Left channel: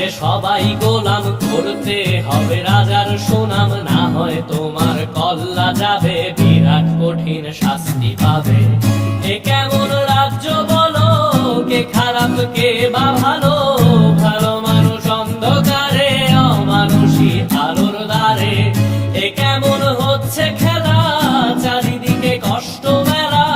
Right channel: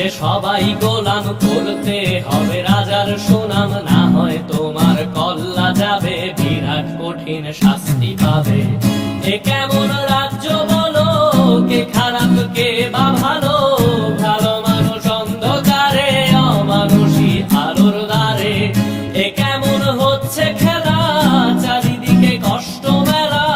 রাজ্যে সবাই গোলাম, করতে হবে রাজার সুনাম, না হয় তোমার কল্লা যাবে, বিরাট কঠিন শাস্তি পাবে। এ কেমন রাজ্য বলো, কে খারাপ কে বা ভালো, ভালো মানুষ অন্ধকারে, অমানুষী আলোর দ্বারে। এ কেমন হচ্ছে খেলা, চারিদিকে কষ্ট মেলা,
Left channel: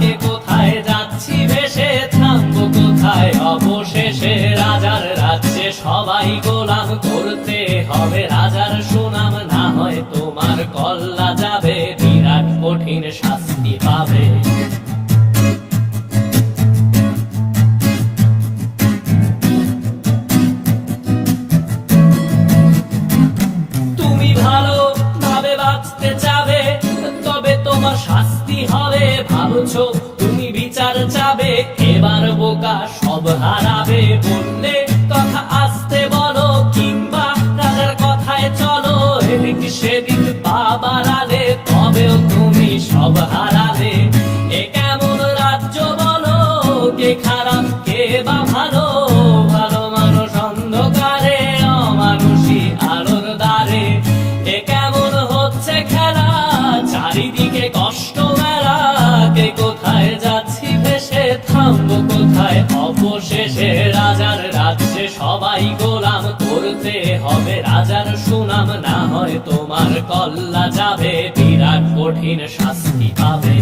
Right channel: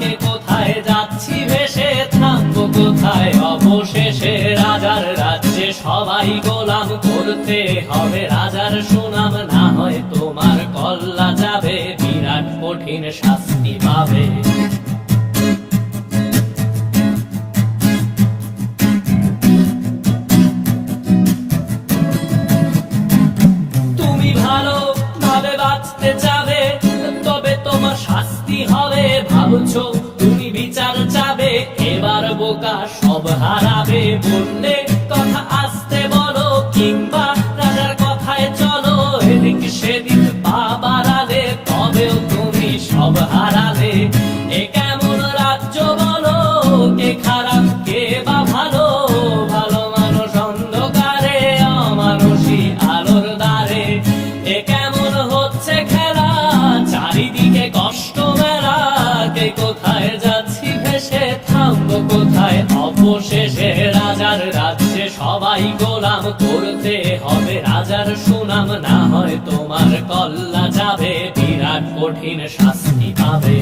কে কোথায় যাচ্ছি ভেসে, থামবো কোথায় অবশেষে। রাজার রাজ্যে সবাই গোলাম, করতে হবে রাজার সুনাম, না হয় তোমার কল্লা যাবে, বিরাট কঠিন শাস্তি পাবে। তুমি ভালো ভাবে বাঁচতে চাবে, তবে তোমার শাস্তি হবে। ভাবছো তুমি বিচার চাবে, এবার বোকা সব হারাবে। বললে কথা আসতে বলো, কিংবা রাজার কথায় চলো, এদিক সেদিক পা বাড়ালে, তবেও তুমি সব হারালে। এ কেমন রাজ্য বলো, কে খারাপ কে বা ভালো, ভালো মানুষ অন্ধকারে, অমানুষী আলোর দ্বারে। এ কেমন হচ্ছে খেলা, চারিদিকে কষ্ট মেলা, কে কোথায় যাচ্ছি ভেসে, থামবো কোথায় অবশেষে। রাজার রাজ্যে সবাই গোলাম, করতে হবে রাজার সুনাম, না হয় তোমার কল্লা যাবে, বিরাট কঠিন শাস্তি পাবে।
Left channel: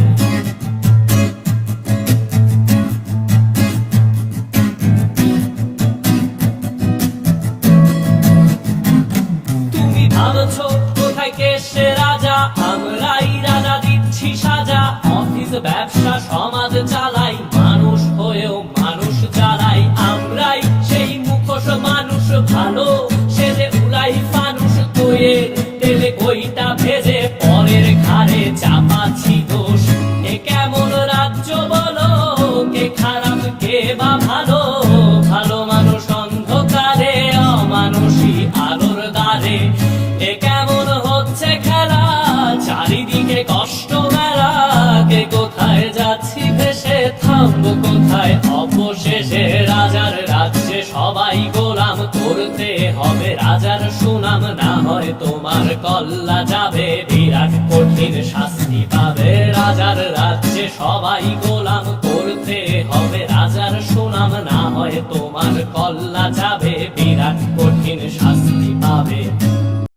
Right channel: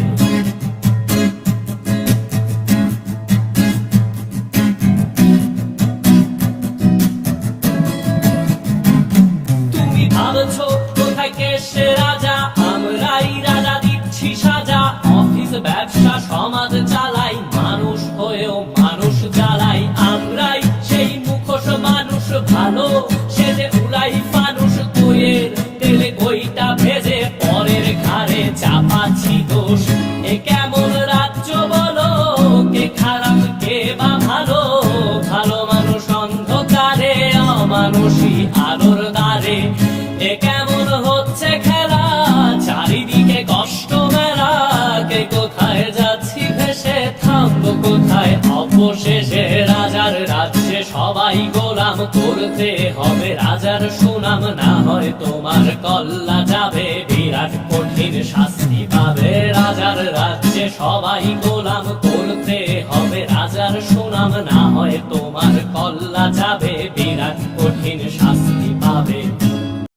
তুমি ভাবছো কোথায় কেসে রাজা, আমরাই রাজা দিচ্ছি সাজা। অফিস ব্যবসা সমাজ চালাই, মানুষ হয়েও মানুষ জ্বালাই। আমরাই সেই মুখোশ মানুষ ভালো, সেজে উড়াই ফানুষ, দইয়ের তেলে ওইটা ভেজে, পরের ঘাড়ে চাপাচ্ছি দোষ। এ কেমন রাজ্য বলো, কে খারাপ কে বা ভালো, ভালো মানুষ অন্ধকারে, অমানুষী আলোর দ্বারে। এ কেমন হচ্ছে খেলা, চারিদিকে কষ্ট মেলা, কে কোথায় যাচ্ছি ভেসে, থামবো কোথায় অবশেষে। রাজার রাজ্যে সবাই গোলাম, করতে হবে রাজার সুনাম, না হয় তোমার কল্লা যাবে, বিরাট কঠিন শাস্তি পাবে। রাজার রাজ্যে সবাই গোলাম, করতে হবে রাজার সুনাম, না হয় তোমার কল্লা যাবে, বিরাট কঠিন শাস্তি পাবে।